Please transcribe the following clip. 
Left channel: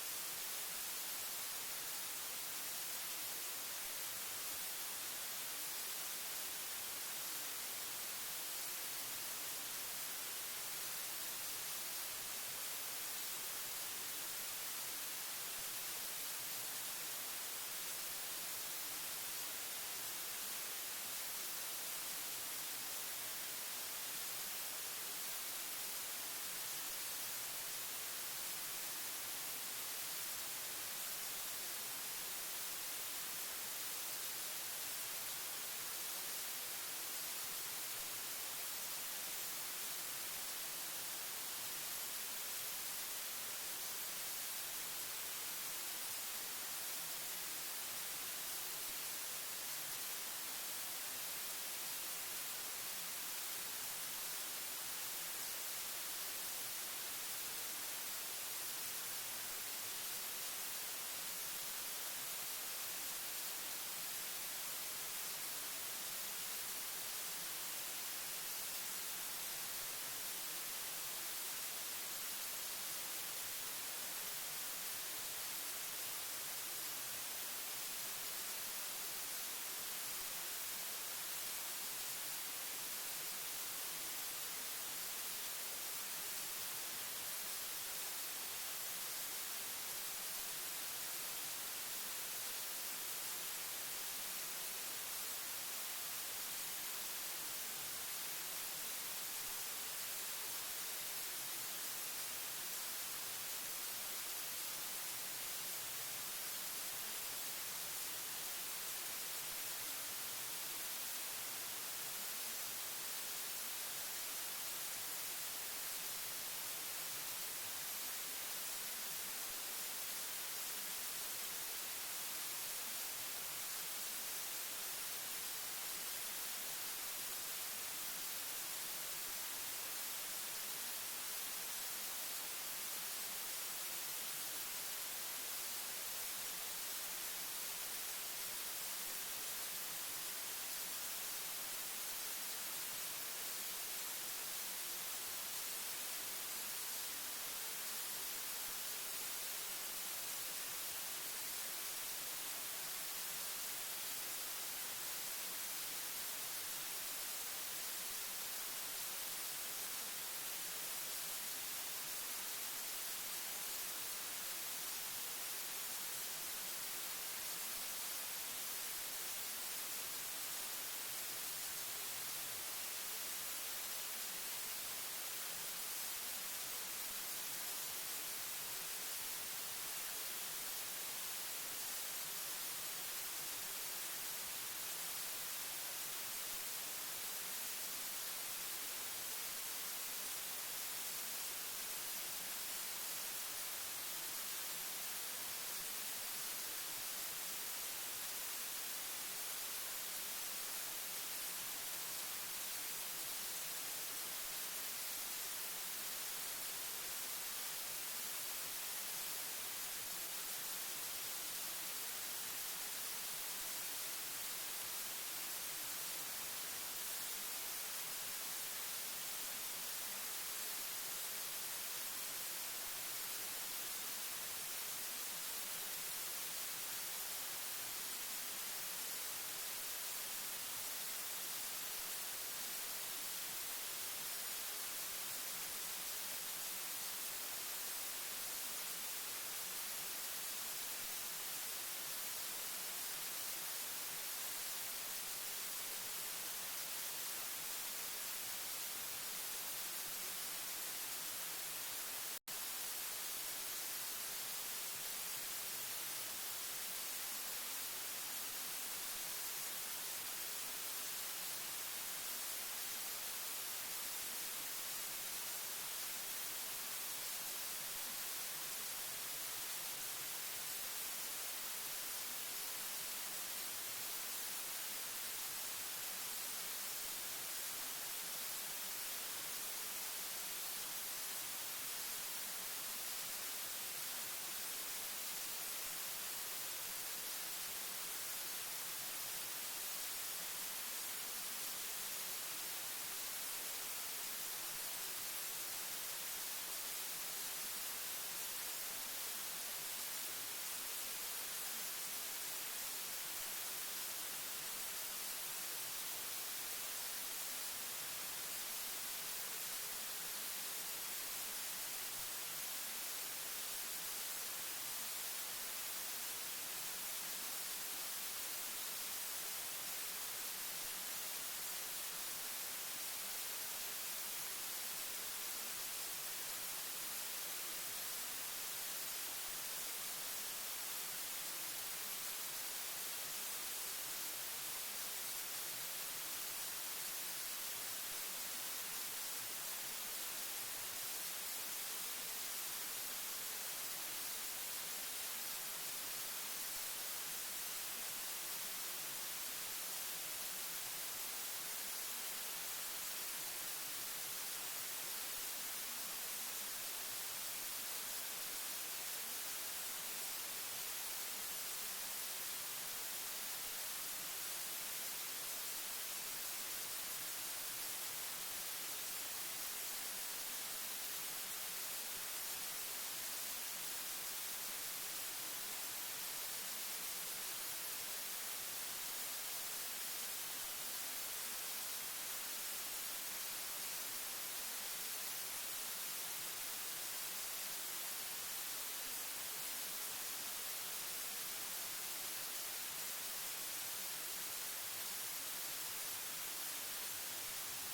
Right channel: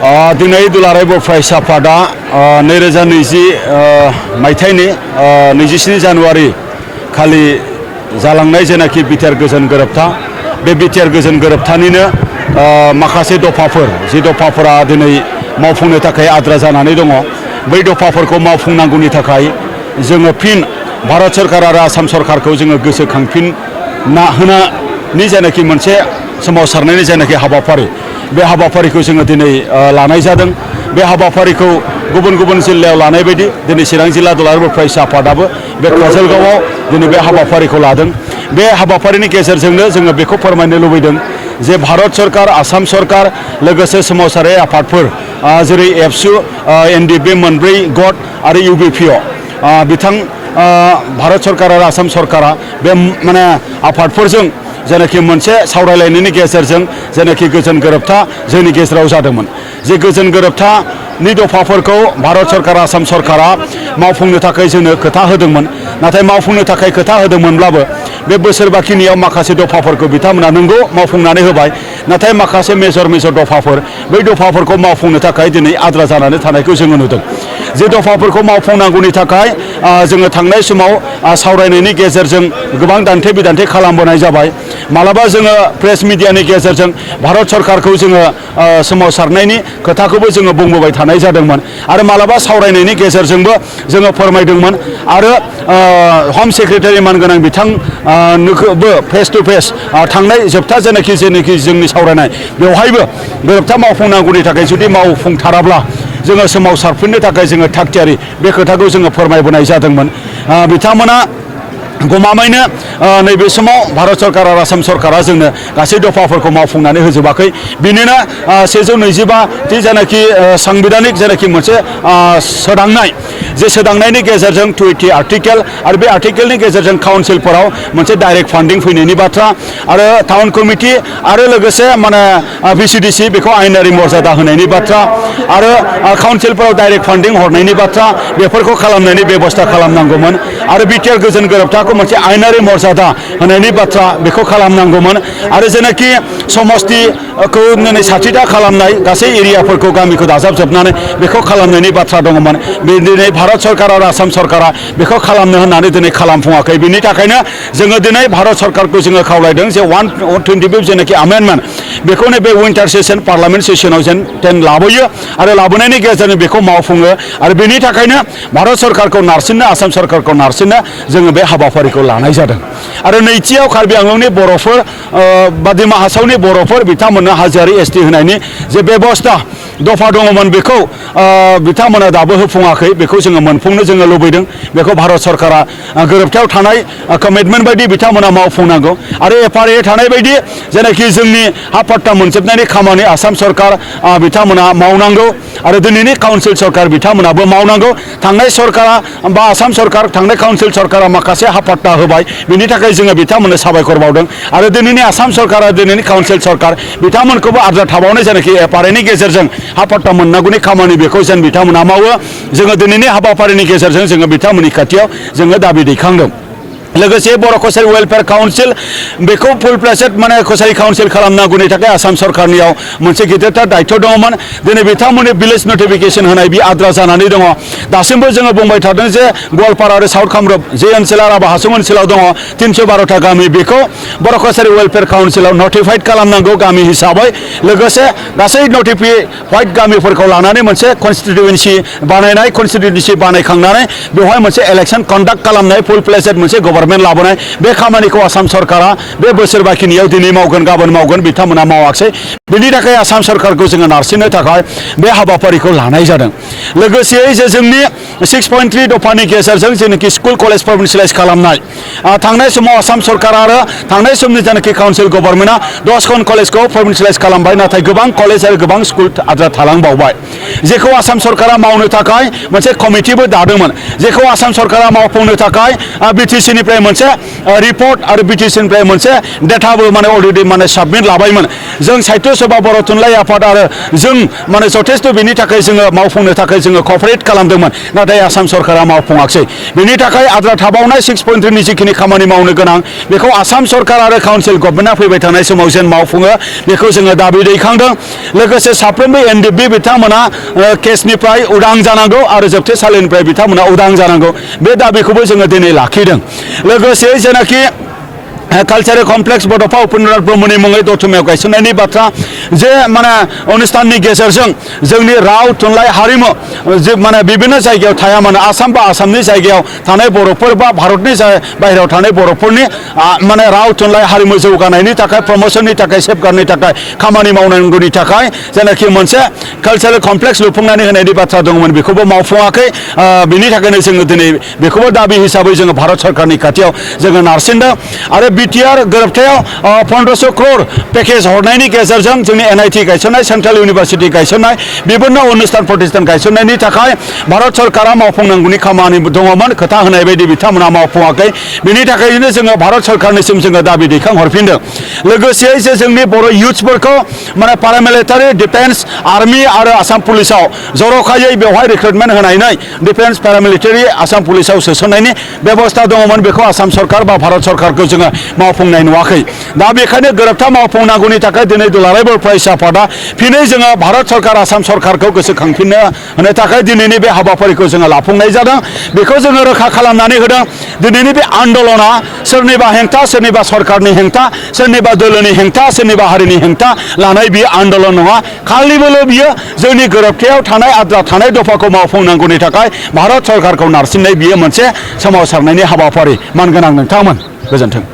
दिनै दुलाराय बर' फरायसा आफादा 2020 मायथाइनि 27 जानुवारि खालि जालांनाय जेनाखि बिटिआर गोजोन गोरोबथा बे बिटिआर गोजोन गोरोबथानिनो माखासे दफाफोर जि दफाफोरा दिनै मावफुंनो थाखाय आद्रा जानानै दङ बै दफाफोरखौ मावफुंनांगौनि थाखाय जोङो फिन भारत सरकार आरो आसाम सरकारखौ जोङो गोसोखांफिनना होनायनि जेनाखि मोनसे सोमावसारनायनि जेनाखि हाबाफारि बे हाबाफारिखौ जोङो दिनै लानाय जादों। बे हाबाफारिखौ गुबुन गुबुन जिल्लायाव लानाय बायदि दिनै चिरां जिल्ला दुलाराय बर' फरायसा आफादाबो बे काजलगावआव दिनै बे हाबाफारिखौ लादों। बे हाबाफारिनि गेजेरजोंनो जोङो बेखौ फोरमायनो लुबैदों जे भारत सरकार आसाम सरकार लोगोसे सोमावसारारि आफादफोर जेरै एबसु एनडिएफबि मोनब्रै गट आरो इउबिपिअ बिथां भारत सरकार आरो आसाम सरकारा बे माने आफादफोरजों जेनाखि मोनसे सावरायलायनायनि गेजेरजों जेनाखि गोजोन गोरोबथा जोंनि गेजेराव जादोंमोन जे गोजोन गोरोबथानि दफाफोरखौ भारत सरकार आसाम सरकारा मावफुंनो थाखाय जोंनो खोथा होदोंमोन। नाथाय मावफुंनो थाखाय खोथा होदोंमोनब्लाबो बे बोसोर बाखिनियाव माखासे दफाफोरखौ बिथांमोना नंगौ मावफुंनानै होबाय। नाथाय माखासे मेजर दफाफोर बै दफाफोरखौ मावफुंनो थाखाय दिनै आद्रा जानानै थानायखौ जोङो नुदों। जे दफाफोरखौ मावफुंनांगौनि थाखाय जोङो थांनाय समाव सावरायनायनि गेजेरजों गोबां दान्थे बिदान्थे खालामबोनाय जाबाय। मालाबा जोङो प्रेस मिडियानि गेजेरजों भारत सरकारखौ जोङो सोमावसारनायनि खोथाखौबो जोङो बुंबोबाय थानाय जादोंमोन आरो मालाबा सावरायनायनि गेजेरजोंबो जोङो फोरमायदोंमोन आरो हम सेक्रेटारि मानगोनां बिथांनोबो फेस टु फेस थांनाय जोबथा जेनाखि जोंनि सावरायनाय बेवहायबो गोरोबथा मावफुंनांगौनि थाखाय जुदि मावफुंथाराब्ला जोङो सोमावसारफिननो थाखाय जोङो थागथियारि बे खोथाखौ जोङो फोरमायबोनाय जादोंमोन। बिथांमोना गमामायैनो नैबे समाव भारत सरकार आरो आसाम सरकारा जोंनो गासै दफाफोरखौ मावफुंनानै होजोबाखै। बिनिनो 125टी जेनाखि सांबिधानिक जेनाखि मोनसे सोदांनाय जे सोदांनायनि गेजेरजों 20 आर्टिकेल आरो बे आर्टिकेलनि गेजेरजों काउन्सिलफोराव मोनसे डाइरेक्ट फान्डिं फैनायनि बाथ्रा आरो टाउन कमिटि आरो लोगोसे माने भिसिडिसि बेखौ आयेनारि मर्यादा होनायनि बाथ्रा आरो काउन्सिलफोराव डाइरेक्ट फान्डिं हरनायनि बाथ्रा बेफोरखौ खालामनायनि बेबस्था खालामनांगौमोन आरो बिटिआर गोजोन गोरोबथा मोनसे आयेनारि मर्यादा होनायनि बाथ्रा बेखौ खालामनांगौमोन आरो जेनाखि समस्तिखौ दिनै 60टा खालामनाय गासै एरियाफोरखौ गामिखौ दाजाबजोबनानै बेखौ खालामनायनि बाथ्रा दङमोन। दिनै भारत सरकार आरो आसाम सरकारा बेखौ खालामनो होननानै दिनै खालामफुङाखै। बिनि थाखायनो जोङो दिनै भारत सरकारखौ जोङो खावलायदों जे 125 जेनाखि आमेन्डमेन्ट बेखौ बे विन्टार सेसन पार्लामेन्ट सेसनाव जेन लाबोयो आरो लाबोनायनि गेजेरजों बेखौ मावफुङो आरो बेनि थाखायनो भारत सरकारखौ नारसिननो आसाम सरकारखौ नारसिननो जोङो बे हाबाफारिखौ लानाय जादों। आरो नैथियाव कार्बि आंलंनि बर'फोर बा डिमा हासावनि बर'फोर बिथांमोननो हाजोआरि एसटि होनायनि जे बेबस्था दफा दङमोन बेखौ बिथांमोना दाबो होफुङाखै। बेखौ जोङो मोनफुंनो जोङो लुबैदों। बेखौ भारत सरकारा गोरोबथायाव थानाय कमिटमेन्ट बायदि बिथांमोना मावफुंनांगौ आरो एफआरए थानाय बायदि जेनाखि जोंनि हा पट्टा मोनजोबनायनि खामानि आसाम सरकार बिथांमोना मावनांगौ आरो दिनैनि काउन्सिल सरकार बिथांमोनाबो मावनांगौ। थांनाय सरकारा बा आसाम सरकार थांनाय काउन्सिल सरकारा माखासे हा पट्टा होबाय बिनि थाखाय जोङो बिथांमोननो साबायखर बावदों आरो दिनैनि आसाम सरकार आरो दिनैनि काउन्सिल सरकार बिथांमोनखौबो आद्रा थाबावनाय जेनाखि एफआरएनि गेजेरजों हा पट्टा मोननांगौनि खामानि बेखौ जेन बिथांमोना मावो जोङो दिनैनि हाबाफारिनि गेजेरजों जोङो बिथांमोननि खाथियाव जोङो दाबि दैखांदों। लोगोसे बर' कसारि वेलफेयार काउन्सिल बेखौ फुल प्लेसेड माने कसारि काउन्सिल खालामनांगौनि थाखाय आसाम सरकारनियाव मोनसे गिदिरथार दायित्व दङमोन। दिनै बिथांमोननि भिलेज नटिफिकेसन होनाय बे आद्रा जानानै दङ। दासिमबो जोङो बुंबाय थादों जे गवालपारा आरो साउथ कामरुप जे ओनसोला राभा हासं ओनसोलाव दङ 312टा गामि बेखौ बर' कसारि वेलफेयार काउन्सिलाव नटिफाइड खालामनांगौ गामि हिसाबै। लोगोसे गासै नटिफाइड गामिफोरखौ लानानै मोनसे कनस्टिटिउएन्सि बानायनाय कनस्टिटिउएन्सि बानायखांनानै बेवहाय मोनसे इलेक्सन कन्डाक्ट खालामनाय फुल प्लेसेड मोनसे गभर्नमेन्ट लाबोनाय बे खामानिखौ आसाम सरकारा बे बोसोर बाखिनियाव दिनै मावगोन गाबोन मावगोन बिथांमोना मावाखै। बिनि थाखाय आसाम सरकारखौ जोङो नारसिननो थाखाय बे हाबाफारिखौ लानाय जादों। लोगोसेयै जे जोंनि 6.3 दफानि गेजेरजों जेनाखि स्कुल कलेज प्रभिन्सियेलाइज खालामनाय थांनाय समाव आसाम सरकार आरो थांनाय समनि जेनाखि काउन्सिल गभर्नमेन्टआ 10 कलेजखौ प्रभिन्सियेलाइज खालामबाय नाथाय गोबां कलेज आरो गोबां स्कुल आद्रा थालांबावबाय जेखौ आसाम सरकारा मावनो थाखाय मोनसे कमिटिबो दादोंमोन जेखौ आसाम सरकारा मावफुंनो थाखाय बिटिसिनि निफ्राय मोनसे रिपर्ट आरो BTC निफ्राय मोनसे डेटाबो माने अलरेडि माने साबमिट लाबायमोन जों साहित्य सभा बर' थुनलाइ आफाद आरो जों माने जथेस्थ बेनि थाखाय जोङो मावफुंनो थाखाय जोङो क'पारेट खालामदोंमोन नाथाय आसाम सरकारा मावफुङाखै बेनि थाखाय आद्रा थाबावनाय 6.3 नि जिखिनि खामानि मावनो गोनां बेखौ आसाम सरकार आरो काउन्सिल गभर्नमेन्टआ फैबाय थानाय समाव जेन मावफुङो बेखौ जोङो दाबि दैखांदों लोगोसे साफ्रोमबो NDB बिथांमोना केसनिफ्राय उदां जानांगौ आरो जोबथेसालिनिफ्राय बिथांमोना उदां जानांगौ बे दाबिखौबो जोङो दिनै लाखिदों लोगोसे जेनाखि कालचारेल कमप्लेक्स बड'फा उपेन्द्रनाथ ब्रह्मनि मुङै दतमायाव गायसननायनि बाथ्रा जे माने अनुष्ठाननि गेजेरजों जोंनि राव थुनलाइ हारिमु जे माने बिभिन्न जायगायाव थाया मानो आसाम बा आसामनि जायगायाव थानाय बर'फोर बा भारतनि बाहेरायाव थानाय बर'फोरनि माने राव थुनलाइ हारिमु जौगानायनि थाखाय प्रमोशननि थाखाय सेफगार्डनि थाखाय खामानि मावनांगौनि थाखाय जेनाखि मोनसे कालचारेल कमप्लेक्स लुफुंनानै होनायनि बाथ्रा दंमोन बेखौबो मावफुङाखै बिनि थाखायनो जोङो दिनै बेखौबो दाबि हिसाबै जोङो भारत सरकारनि खाथियाव जोङो नारसिनदों आरो BTR गोरोबथायाव 1500 crore पेकेज हरनायनि गेजेरजों जोंनि NIT गायसननाय सेन्ट्रेल इउनिभार्सिटि गायसननाय बिभिन्न अनुष्ठान प्रतिष्ठान गायसननायनि थाखाय भारत सरकारा मावफुंनांगौनि खामानि दङमोन खोथा होनाय बायदि बिथांमोना मावफुङाखै बिनि थाखायनो जोङो भारत सरकारनिसिम जोङो दाबि दैखांहरफिनदों लोगोसे जे जोंनि बर' इयुथ्सफोरखौ माने पारामिलिटारि डिफेन्स आर्मि आरो आसाम पुलिसाव जर'खायै बेवहाय रिक्रुटमेन्ट होनानै डिफेन्स पारामिलिटारि आसाम पुलिसाव सोसननायनि बेबस्था दङमोन बेखौ आसाम सरकार बा भारत सरकारखौ जोङो मावफुंनाय नुवाखै दा बेखायनो गोरोबथा मावफुंनांगौनि थाखाय दिनै दुलाराय बर' फरायसा आफादा फिनै जोङो भारत सरकार आसाम सरकारखौ गोसोखांफिननो होनो थाखाय दिनैनि बे हाबाफारिखौ जोङो लाफुंनाय जादों बेखौ जोङो रोखा खालामनानै होदों दिनैनि बे आन्दलना सोरनिबा हेंथा सोरनिबा सरकारनि हेंथा सोरनिबा दोलोनि हेंथा सोरनिबा हारिनि हेंथा लानाय बियो आन्दलन नङा खालिबोल' बियो जोंनि गोरोबथायाव थानाय आद्रा थानाय दफाखौ मावफुंनांगौनि थाखाय भारत सरकारखौ नारसिननाय बियो मोनसे सोमावसारनायनि हाबाफारि मानगोनां नोंथांमोन गोजोन्थों।